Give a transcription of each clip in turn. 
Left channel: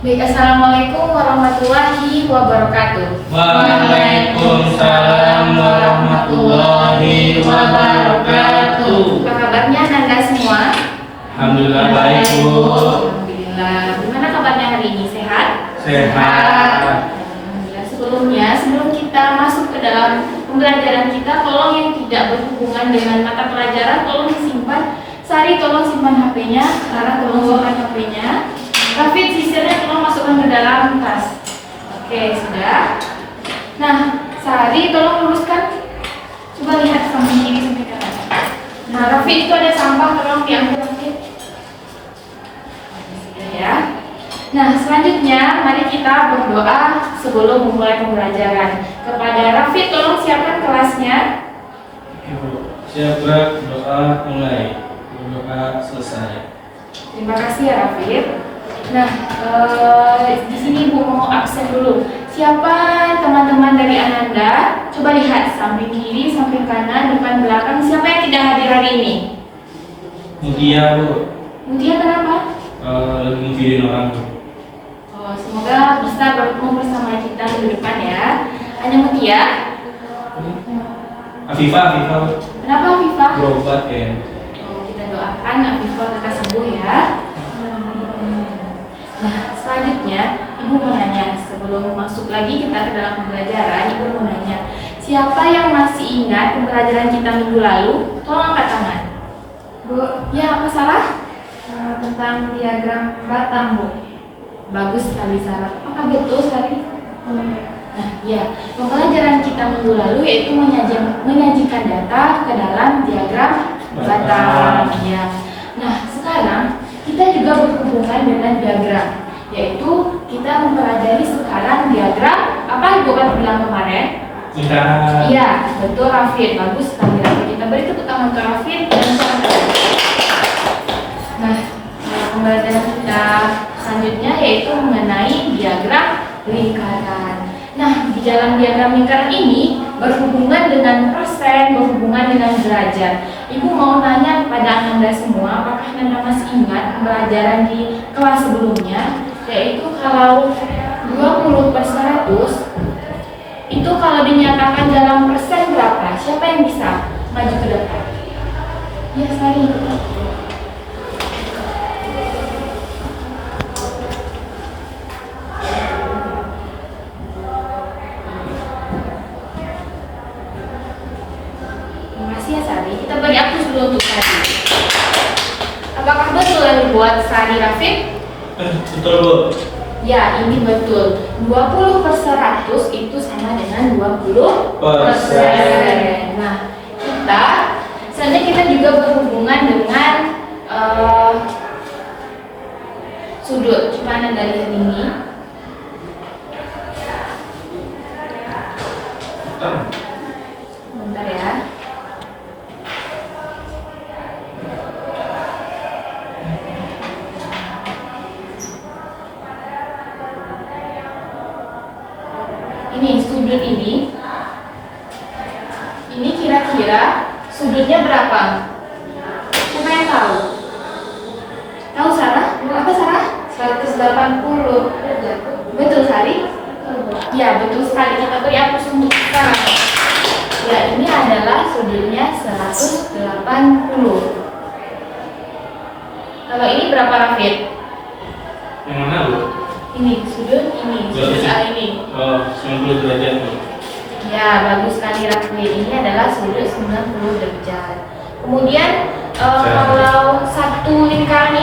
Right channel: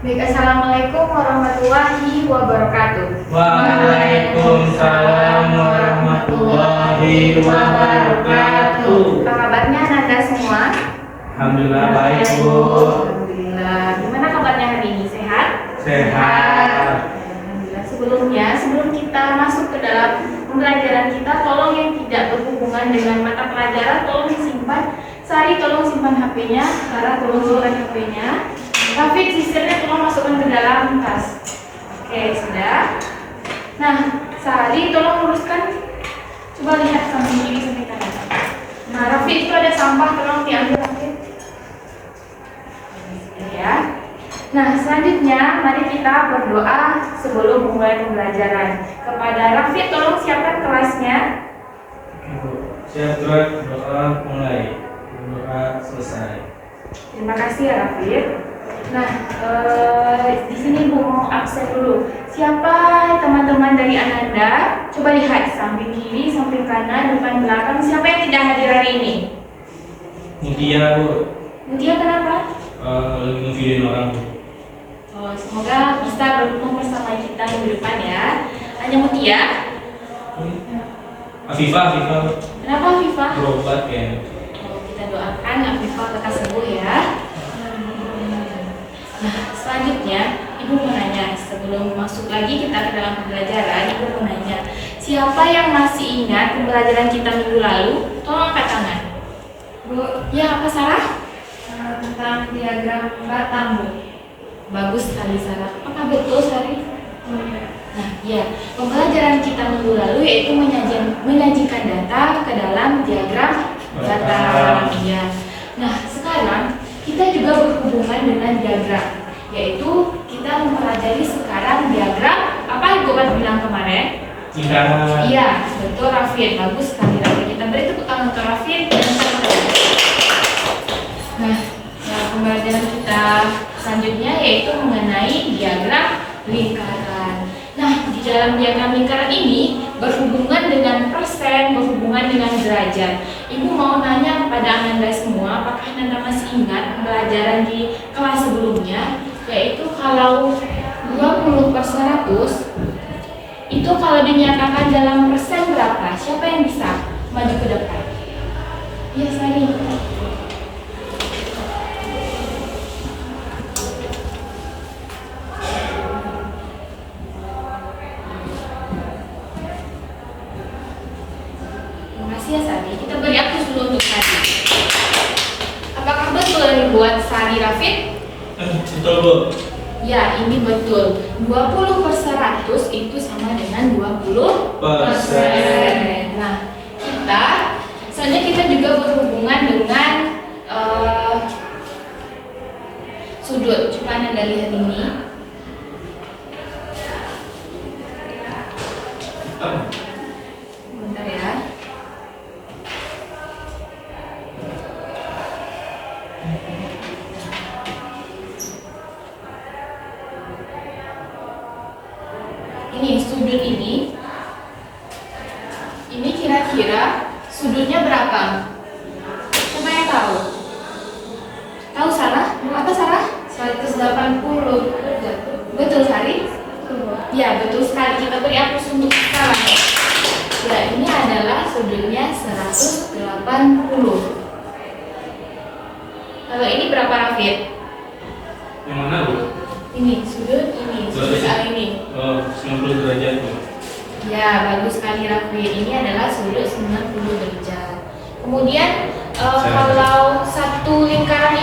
Baik, Assalamualaikum warahmatullahi wabarakatuh. Waalaikumsalam warahmatullahi wabarakatuh. Apa kabarnya Nanda semua? Alhamdulillah baik, Bu. Alhamdulillah. Gimana kabarnya hari ini? Sehat? Sehat. Alhamdulillah. Sebelum kita masuk ke dalam pembelajaran kita, tolong yang tidak berhubungan dengan mata pelajaran tolong disimpan. Sari tolong simpan HP-nya, Sarah tolong simpan HP-nya. Rafid sisirnya tolong masukkan ke dalam tas. Oke, sudah. Nah, Sari tolong luruskan. Coba lihat samping kiri sampai kanan. Nah, Rafid itu ada sampah, tolong diambil Rafid. Ya. Nah, selanjutnya mari kita berdoa sebelum memulai pembelajaran. Kepada Rafid tolong siapkan kelasnya. Oke, Bu. Siap berdoa mulai. Doa selesai. Terima kasih ya Rafid. Nah, di sini Bu mau absen dulu. Siapa teman-teman dari Ananda? Coba lihat samping kiri, samping kanan, depan belakang. Siapa yang tidak hadir hari ini? Mutia, Bu. Mutia kenapa? Lagi ngevideoin orang, Bu. Semoga bisa bertemu bersama kita di depan ya. Hanya Mutia. Afifah, Bu. Kenapa Viva? Berobat kayaknya. Kita doakan Viva lekas sembuh ya. Nah, selanjutnya Ibu mau nanya, sebelum masuk lagi kita ke dalam pembelajaran, Ibu mau nanya, siapa yang masih ingat pembelajaran kita minggu lalu? Tolong angkat tangan. Bu, ya apa Sarah? Tentang diagram batang, Bu. Bagus sekali Sarah. Apakah betul Sari? Nah, ya, pembelajaran kita minggu lalu yaitu menyajikan data ke dalam diagram batang. Ya. Nah, sekarang kita juga berhubungan dengan diagram, yaitu kita mempelajari sekarang diagram apa Ibu kan bilang kemarin? Lingkaran. Iya, betul Rafid, bagus sekali Rafid. Kita beri tepuk tangan ke Rafid dan saudara. Nah, pembelajaran kita selanjutnya yaitu mengenai diagram lingkaran. Nah, di dalam diagram lingkaran ini berhubungan dengan persen, berhubungan dengan derajat. Ibu mau nanya kepada Ananda semua, apakah Ananda masih ingat pembelajaran di kelas sebelumnya? Yaitu kalau 20/100 itu kalau dinyatakan dalam persen berapa? Siapa yang bisa maju ke depan? Ya, Sari. Ya Sari, kita beri aktif dulu untuk Sari. Apakah betul yang dibuat Sari Rafid? Betul, Bu. Ya, ini betul. 20/100 itu sama dengan 20%. Nah, selanjutnya kita juga berhubungan dengan sudut. Coba Anda lihat ini. Bentar ya. Ini sudut ini kira-kira sudutnya berapa? Siapa yang tahu? Tahu Sarah? Apa Sarah? 180. Betul Sari? Ya betul sekali, kita beri hapus untuk sekarang. Ya, ini adalah sudutnya 180. Kalau ini berapa Rafid? Yang mana, Bu? Ini sudut A ini. Oh, 90 derajat, Bu. Ya, bagus sekali Rafid. Ini adalah sudut 90 derajat. Kemudian kalau satu lingkaran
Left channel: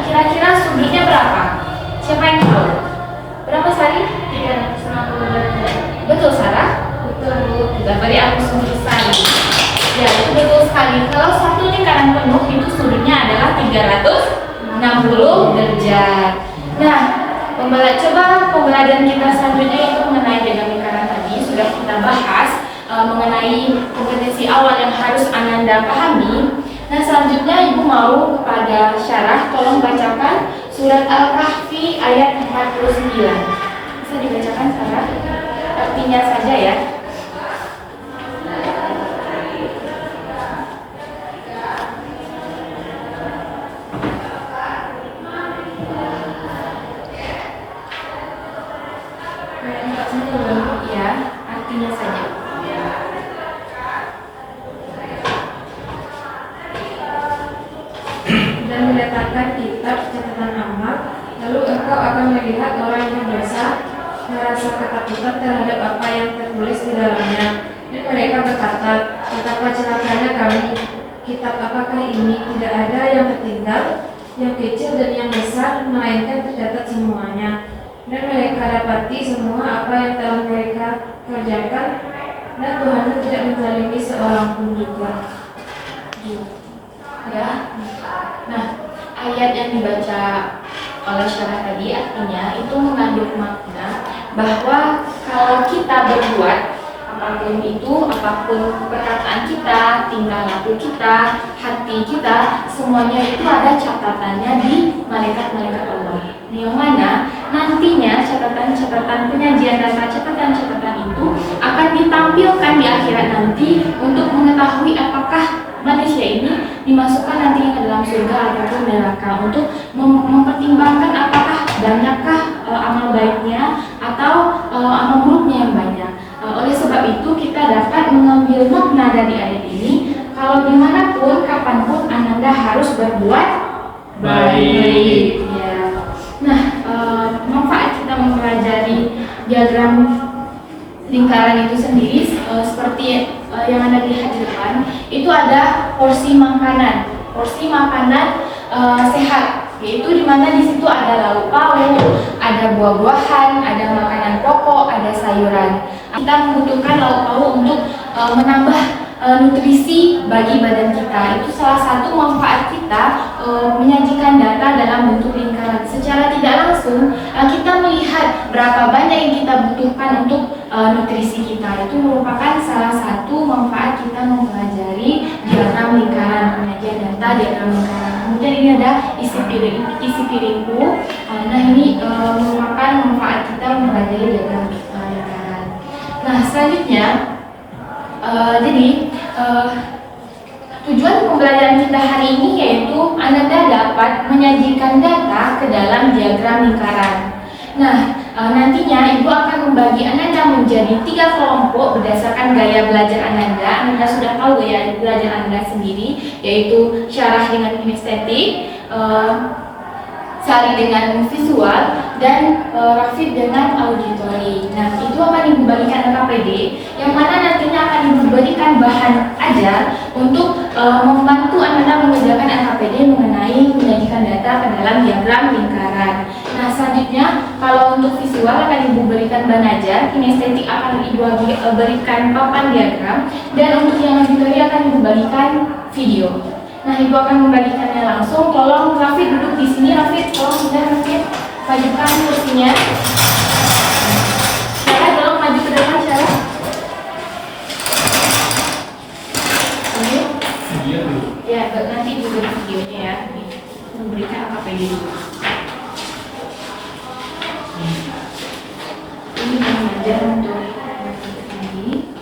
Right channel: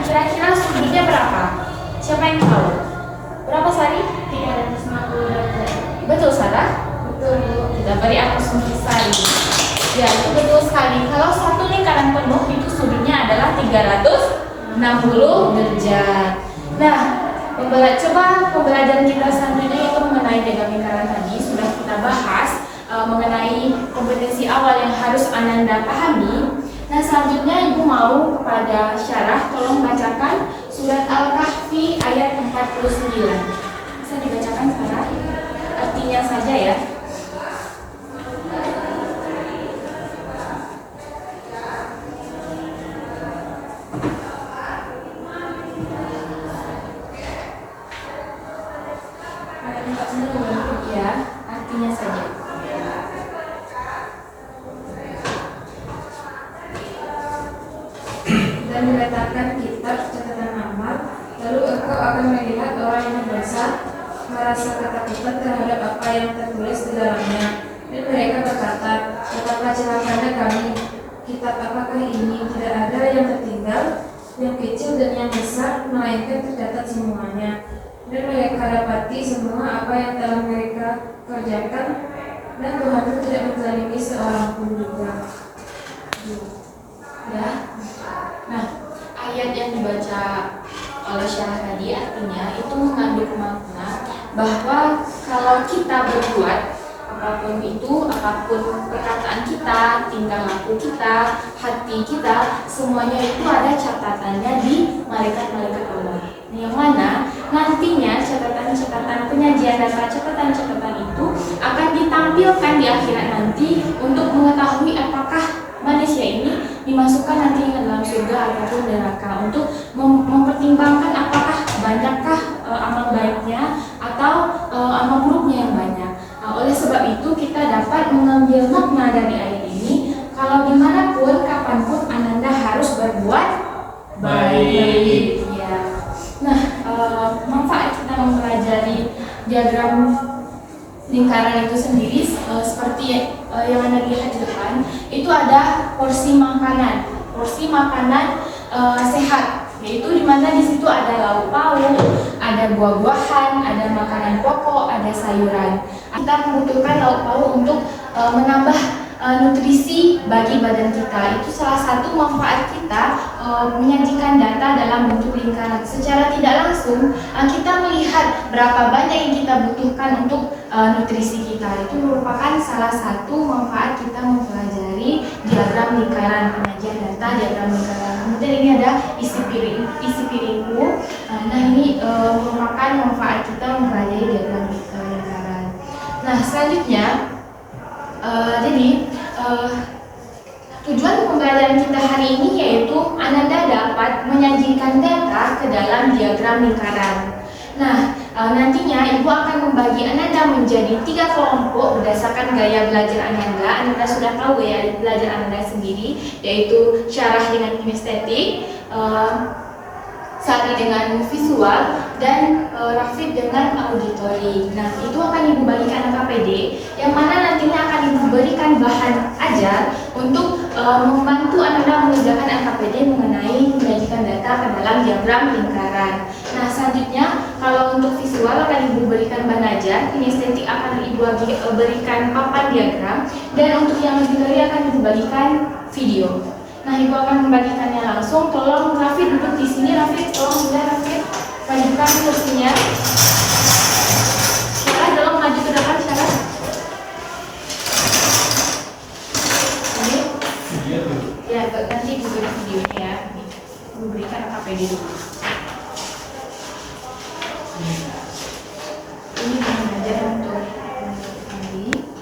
kira-kira sudutnya berapa? Siapa yang tahu? Berapa Sari? 360 derajat. Betul Sarah? Betul Bu. Kita beri hapus untuk Sari. Ya, itu betul sekali. Kalau satu lingkaran penuh itu sudutnya adalah 360 derajat. Nah, pembelajaran kita selanjutnya itu mengenai diagram lingkaran tadi sudah kita bahas mengenai kompetensi awal yang harus Ananda pahami. Nah, selanjutnya Ibu mau kepada Syarah tolong bacakan surat Al-Kahfi ayat 49. Bisa dibacakan Syarah? Artinya saja ya. Ya, artinya saja. Dan mendatangkan kitab catatan amal, lalu engkau akan melihat orang yang berdosa merasa ketakutan terhadap apa yang tertulis di dalamnya. Dan mereka berkata, betapa celakanya kami, kitab apakah ini? Tidak ada yang tertinggal, yang kecil dan yang besar, melainkan tercatat semuanya. Dan mereka dapati semua apa yang telah mereka kerjakan, dan Tuhan tidak menzalimi seorang pun juga. Ya. Nah, ayat yang dibaca oleh Syarah tadi artinya itu mengandung makna bahwa kalau kita berbuat apapun itu, apapun perkataan kita, tingkah laku kita, hati kita, semuanya itu ada catatannya di malaikat-malaikat Allah. Yang mana nantinya catatan-catatan penyajian data, catatan-catatan itu akan ditampilkan di akhirat nanti untuk mengetahui apakah manusia ini dimasukkan nantinya ke dalam surga ataupun neraka, untuk mempertimbangkan apakah banyakkah amal baiknya atau amal buruknya yang banyak. Oleh sebab itu kita dapat mengambil makna dari ayat ini kalau dimanapun, kapanpun Ananda harus berbuat baik. Ya. Nah, manfaat kita mempelajari diagram lingkaran itu sendiri seperti yang Anda lihat di depan, itu ada porsi makanan sehat, yaitu di mana di situ ada lauk pauk, ada buah-buahan, ada makanan pokok, ada sayuran. Kita membutuhkan lauk pauk untuk menambah nutrisi bagi badan kita. Itu salah satu manfaat kita menyajikan data dalam bentuk lingkaran. Secara tidak langsung kita melihat berapa banyak yang kita butuhkan untuk nutrisi kita. Itu merupakan salah satu manfaat kita mempelajari diagram lingkaran, penyajian data diagram lingkaran. Kemudian ini ada isi piringku. Nah, ini merupakan manfaat kita mempelajari diagram lingkaran. Nah, selanjutnya tujuan pembelajaran kita hari ini yaitu Ananda dapat menyajikan data ke dalam diagram lingkaran. Nah, nantinya Ibu akan membagi Ananda menjadi 3 kelompok berdasarkan gaya belajar Ananda. Ananda sudah tahu ya belajar Ananda sendiri, yaitu syarah dengan kinestetik, Sari dengan visual, dan Rafid dengan auditori. Nah, itu akan diberikan KPD, yang mana nantinya akan diberikan bahan ajar untuk membantu Ananda mengerjakan LKPD mengenai menyajikan data ke dalam diagram lingkaran. Nah, selanjutnya kalau untuk visual akan diberikan bahan ajar, kinestetik akan diberikan papan diagram, dan untuk yang auditori akan diberikan video. Nah, Ibu akan membagikannya langsung. Tolong Rafid duduk di sini. Rafid, tolong sudah Rafid majukan kursinya. Syarah, tolong maju ke depan, Syarah. Oke. Ya, nanti duduk videonya ya. Memberikan AKPD dulu. Ini mengajar untuk ini.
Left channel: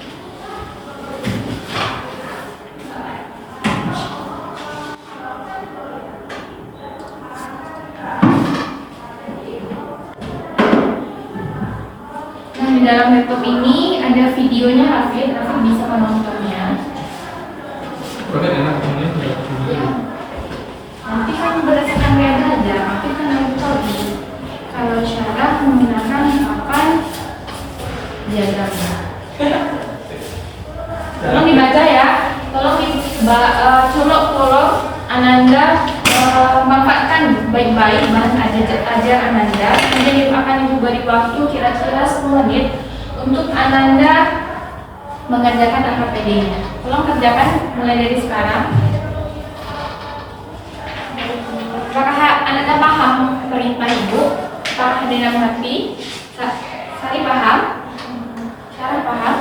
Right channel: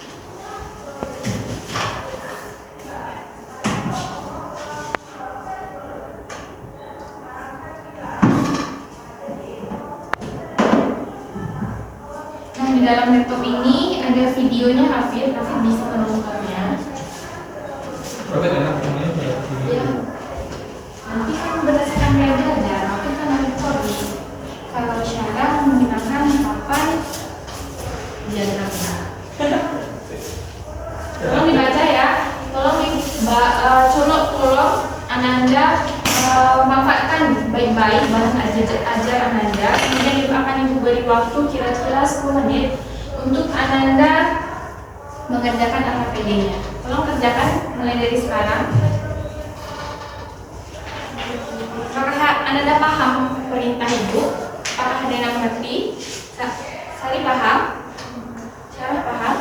Di dalam laptop ini ada videonya Rafid bisa menontonnya. Ya. Nanti kan berdasarkan gaya belajar, Rafid kan ada tadi. Kalau Syarah menggunakan papan diagramnya. Tolong dibaca ya. Tolong Ananda manfaatkan baik-baik bahan ajar Ananda. Kemudian akan Ibu beri waktu kira-kira 10 menit untuk Ananda mengerjakan LKPD-nya. Tolong kerjakan mulai dari sekarang. Apakah Ananda paham perintah Ibu? Apakah ada yang mengerti? Sari paham? Sarah paham?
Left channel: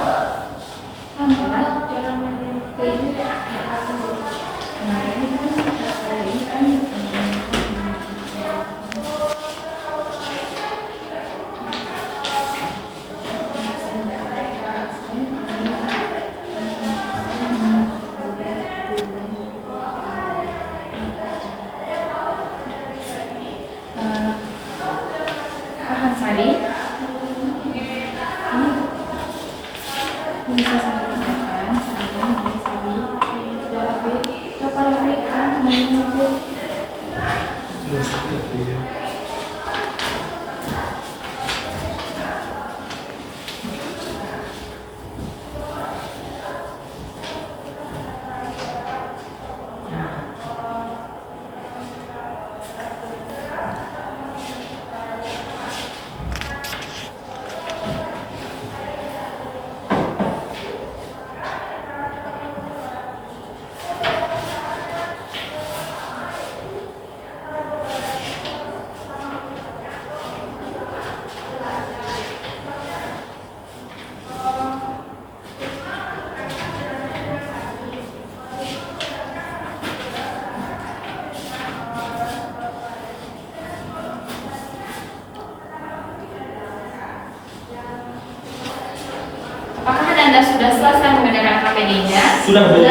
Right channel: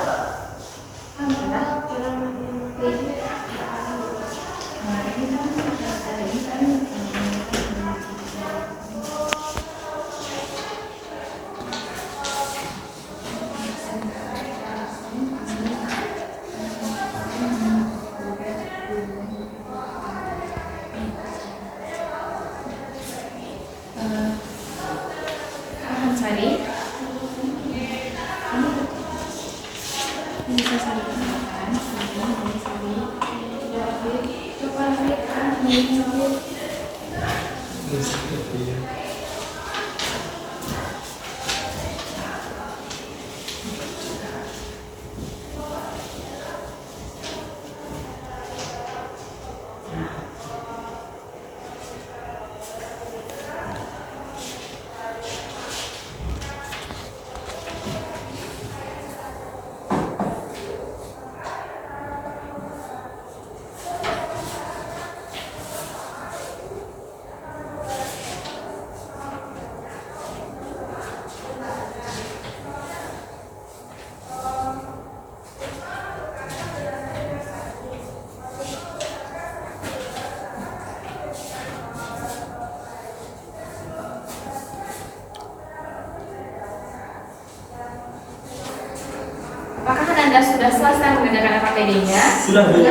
Anda sudah selesai mengerjakan KPD-nya? Sudah, Bu.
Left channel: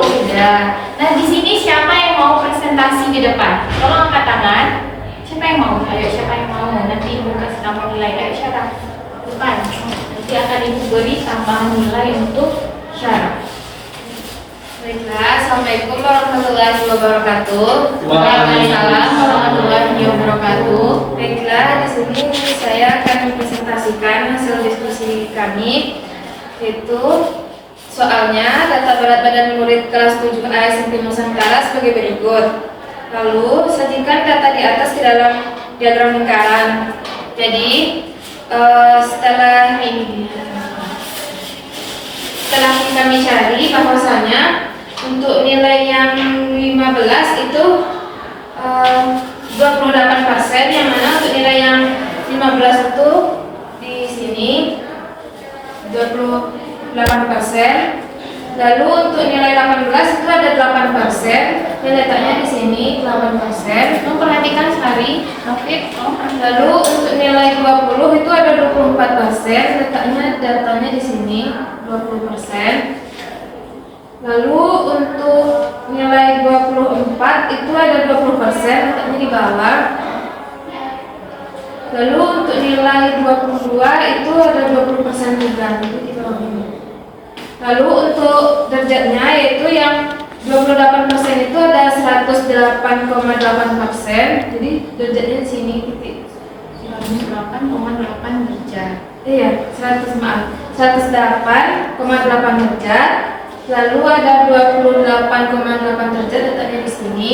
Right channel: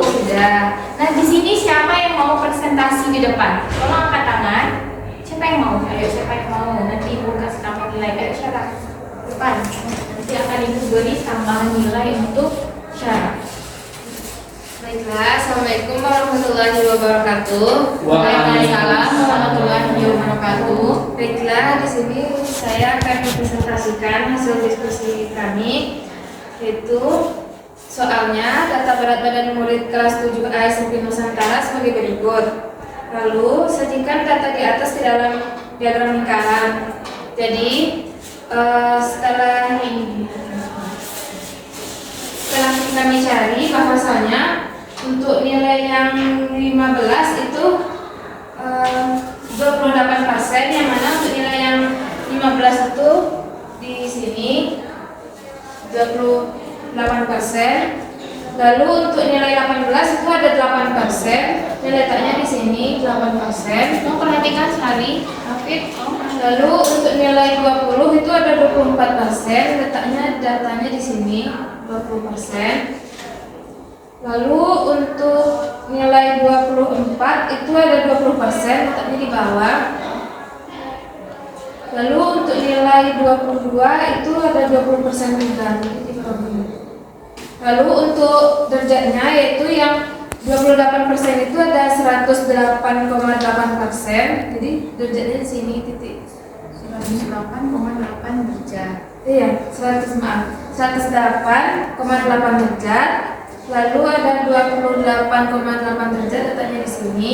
Sudah. Nah, di sini siapa yang mau presentasi di depan? Tolong angkat tangan. Siapa yang mau? Ayo, siapa yang mau? Nanti Ibu kasih tambah nilai. Ayo, syarat. Depan. Nanti akan Ibu beri tambahan nilai untuk syarat. Baiklah, Assalamualaikum warahmatullahi wabarakatuh. Waalaikumsalam warahmatullahi wabarakatuh. Baiklah, di sini saya akan mempresentasikan hasil diskusi kami, yaitu soalnya data berat badan murid kelas 7A SMP Nusantara sebagai berikut. Lalu sajikan data di atas ke dalam diagram lingkaran. Jadi setelah kita mencari bahwasanya untuk nilai yang 15 itu 28%, yang mana untuk nilai yang 15 itu di sini 28%. Lalu untuk nilai 18 itu ada 8%. Ini letaknya di sini 8%. Memperhatikan Sari, Hafid, Lalu untuk nilai 20 itu ada 24%. Letaknya datanya di sini 20%. Lalu untuk nilai 24 itu ada 20%, letaknya di bawah. Lalu untuk nilai 22 itu ada 20% juga, itu di bawah ini. Lalu untuk derajatnya yaitu yang 28% itu ada 108,8%. Jadi derajatnya di sini titik 108,8 derajat. Iya, 108,8 derajat. Lalu ada 28,8 derajat letaknya di sini.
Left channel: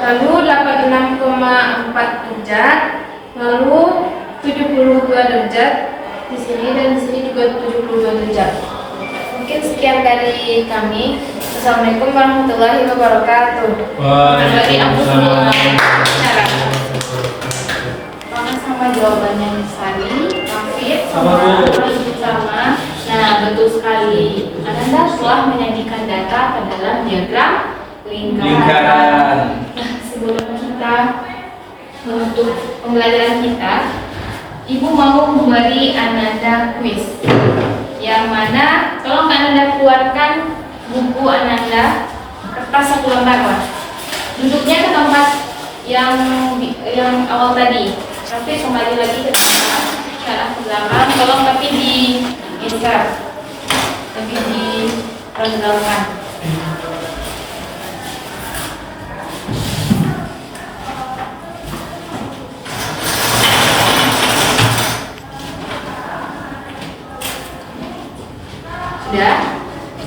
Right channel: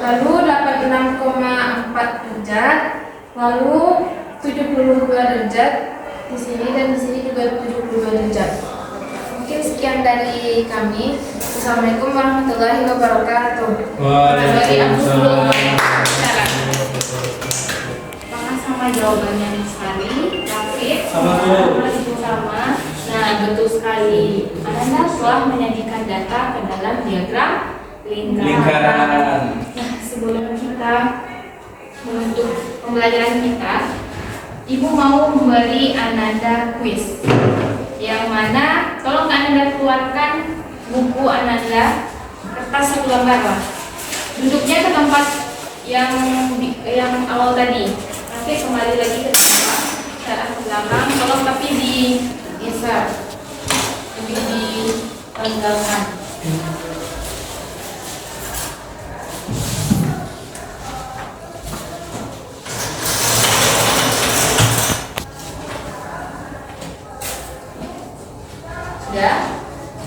Lalu 86,4 derajat. Lalu 72 derajat di sini, dan di sini juga 72 derajat. Mungkin sekian dari kami. Assalamualaikum warahmatullahi wabarakatuh. Waalaikumsalam. Apakah sama jawabannya Sari, Hafid? Sama, Bu. Sama. Nah, betul sekali. Anda telah menyajikan data ke dalam diagram lingkaran. Nah, sebelum kita menutup pembelajaran kita, Ibu mau memberi Ananda kuis. Yang mana, tolong Ananda keluarkan buku Ananda, kertas 1 lembar lah. Duduknya ke tempat yang awal tadi. Tapi kembali lagi ke belakang, cara ke belakang. Tolong tapi digeser, tapi ditenggelamkan. Sudah?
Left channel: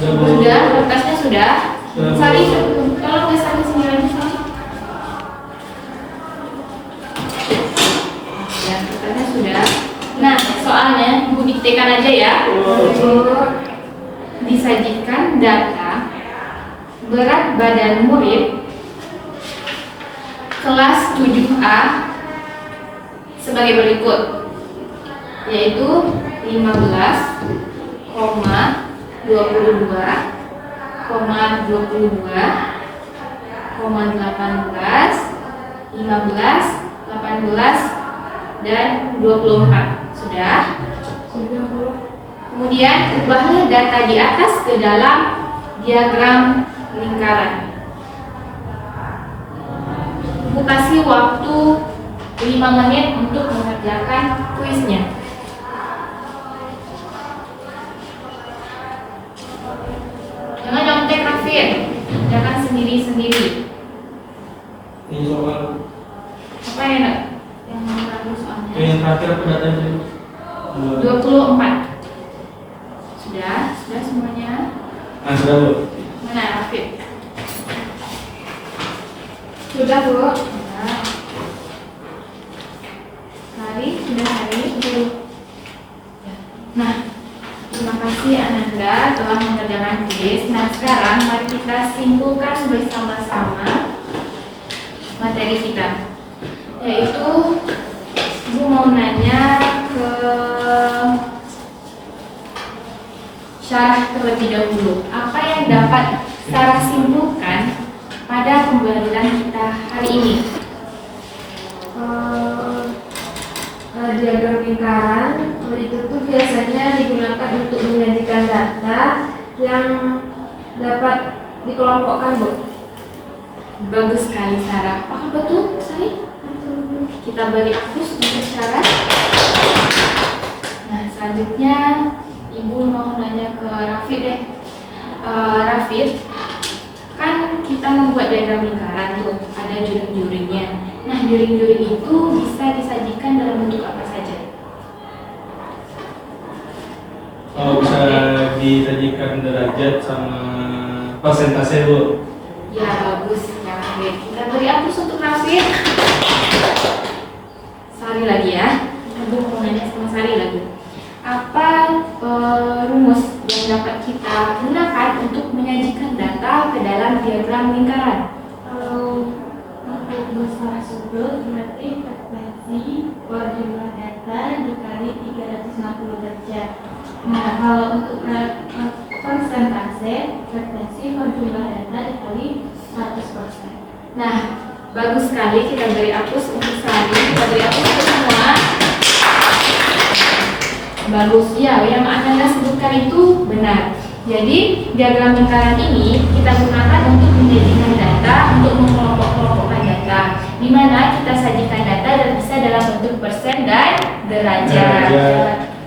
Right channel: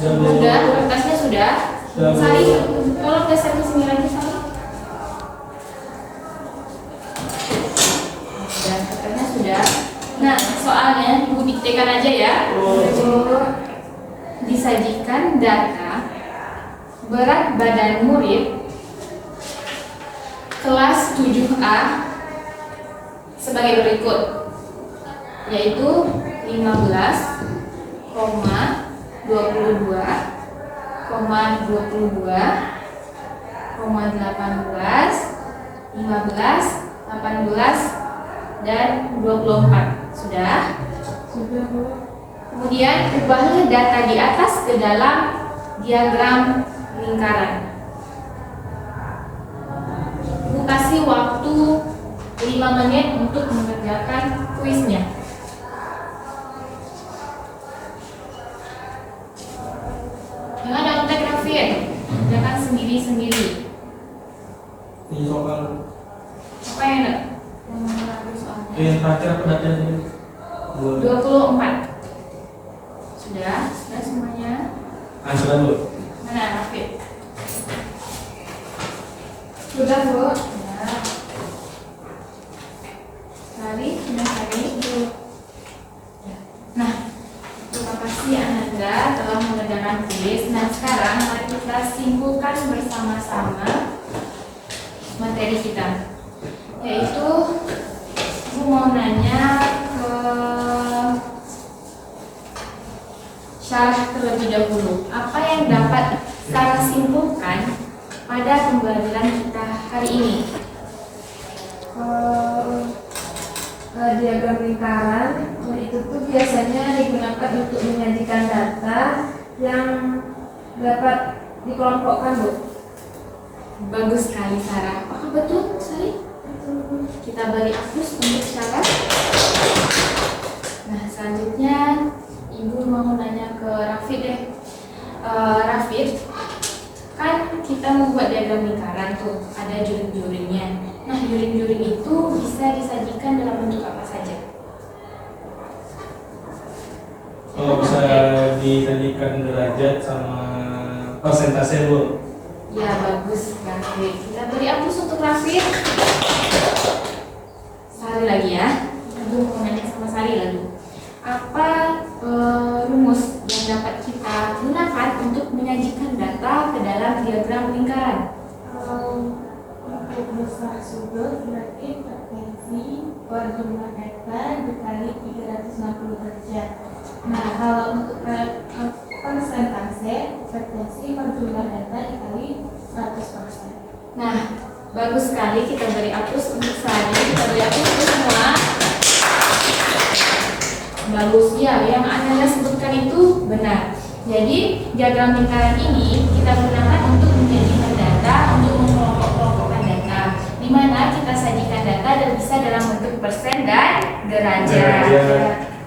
Sudah, kertasnya sudah? Sari, tolong geser ke sini lagi, Sari. Ya, kertasnya sudah. Nah, soalnya Ibu diktekan aja ya. Disajikan data berat badan murid kelas 7A sebagai berikut, yaitu 15,22,18, dan 24. Sudah? Kemudian ubahlah data di atas ke dalam diagram lingkaran. Ibu kasih waktu 5 menit untuk mengerjakan kuisnya. Jangan nyontek, Rafid. Jangan sendiri-sendiri. Ini soal Apa yang enak? Yang ragu soalnya. yang terakhir aku datanya 24. Sudah semuanya. Nah, sudah, Bu. Mana Rafid? Sudah, Bu. Sudah. Hari sudah hari. Nah, terima kasih Ananda telah mengerjakan kuis. Nah, sekarang mari kita simpulkan bersama-sama materi kita, yaitu Ibu mau nanya ke syarah terlebih dahulu. Apa yang dapat Sarah simpulkan pada pembelajaran kita hari ini? Diagram lingkaran itu itu tuh biasanya digunakan untuk menyajikan data yang dapat dikelompokkan, Bu. Bagus sekali Sarah. Apakah betul Sari? Kita beri hapus untuk syarat. Nah selanjutnya Ibu mau nanya ke Rafid deh. Rafid, kan kita membuat diagram lingkaran tuh, ada juring-juringnya. Nah juring-juring itu bisa disajikan dalam bentuk apa saja? Oh, bisa disajikan derajat sama persentase, Bu. Ya bagus ya Rafid. Kita beri hapus untuk Rafid. Sari lagi ya. Ibu mau nanya sama Sari lagi. Apa rumus yang dapat kita gunakan untuk menyajikan data ke dalam diagram lingkaran? Kalau untuk besar sudut berarti frekuensi per jumlah data dikali 360 derajat. Nah, kalau untuk persentase frekuensi per jumlah data dikali 100%. Nah, bagus sekali. Kita beri hapus untuk Sari. Kita beri hapus untuk semua. Bagus ya, yang Anda sebutkan itu benar. Jadi diagram lingkaran ini kita gunakan untuk menjadikan data, untuk mengelompok-kelompokkan data, di mana kita sajikan data dan bisa dalam bentuk persen dan derajat.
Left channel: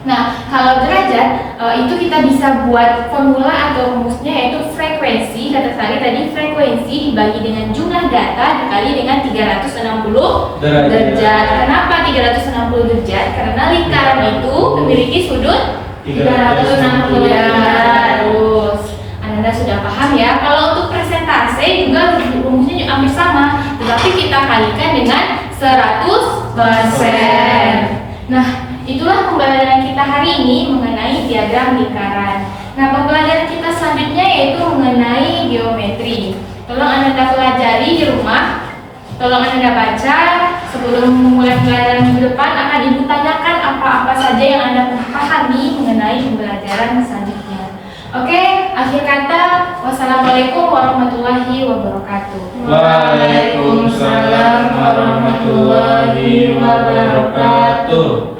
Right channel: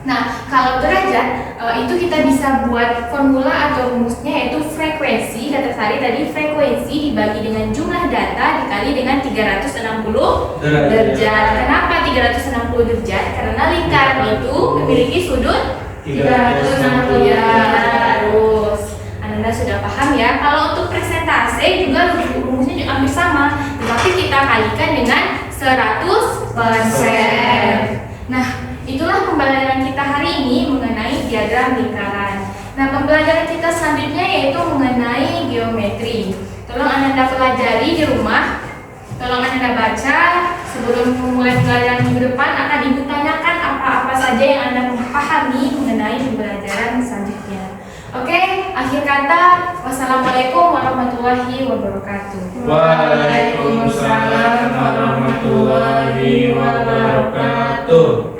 Nah, kalau derajat itu kita bisa buat formula atau rumusnya, yaitu frekuensi. Kata Sari tadi, frekuensi dibagi dengan jumlah data dikali dengan 360 derajat. Kenapa 360 derajat? Karena lingkaran itu memiliki sudut 360 derajat. Terus, Anda sudah paham ya? Kalau untuk persentase juga rumusnya hampir sama, tetapi kita kalikan dengan 100%. Nah, itulah pembelajaran kita hari ini mengenai diagram lingkaran. Nah, pembelajaran kita selanjutnya yaitu mengenai geometri. Tolong Anda pelajari di rumah. Tolong Anda baca sebelum memulai pembelajaran minggu depan. Akan Ibu tanyakan apa-apa saja yang Anda pahami mengenai pembelajaran selanjutnya. Oke, akhir kata, wassalamualaikum warahmatullahi wabarakatuh. Waalaikumsalam warahmatullahi wabarakatuh.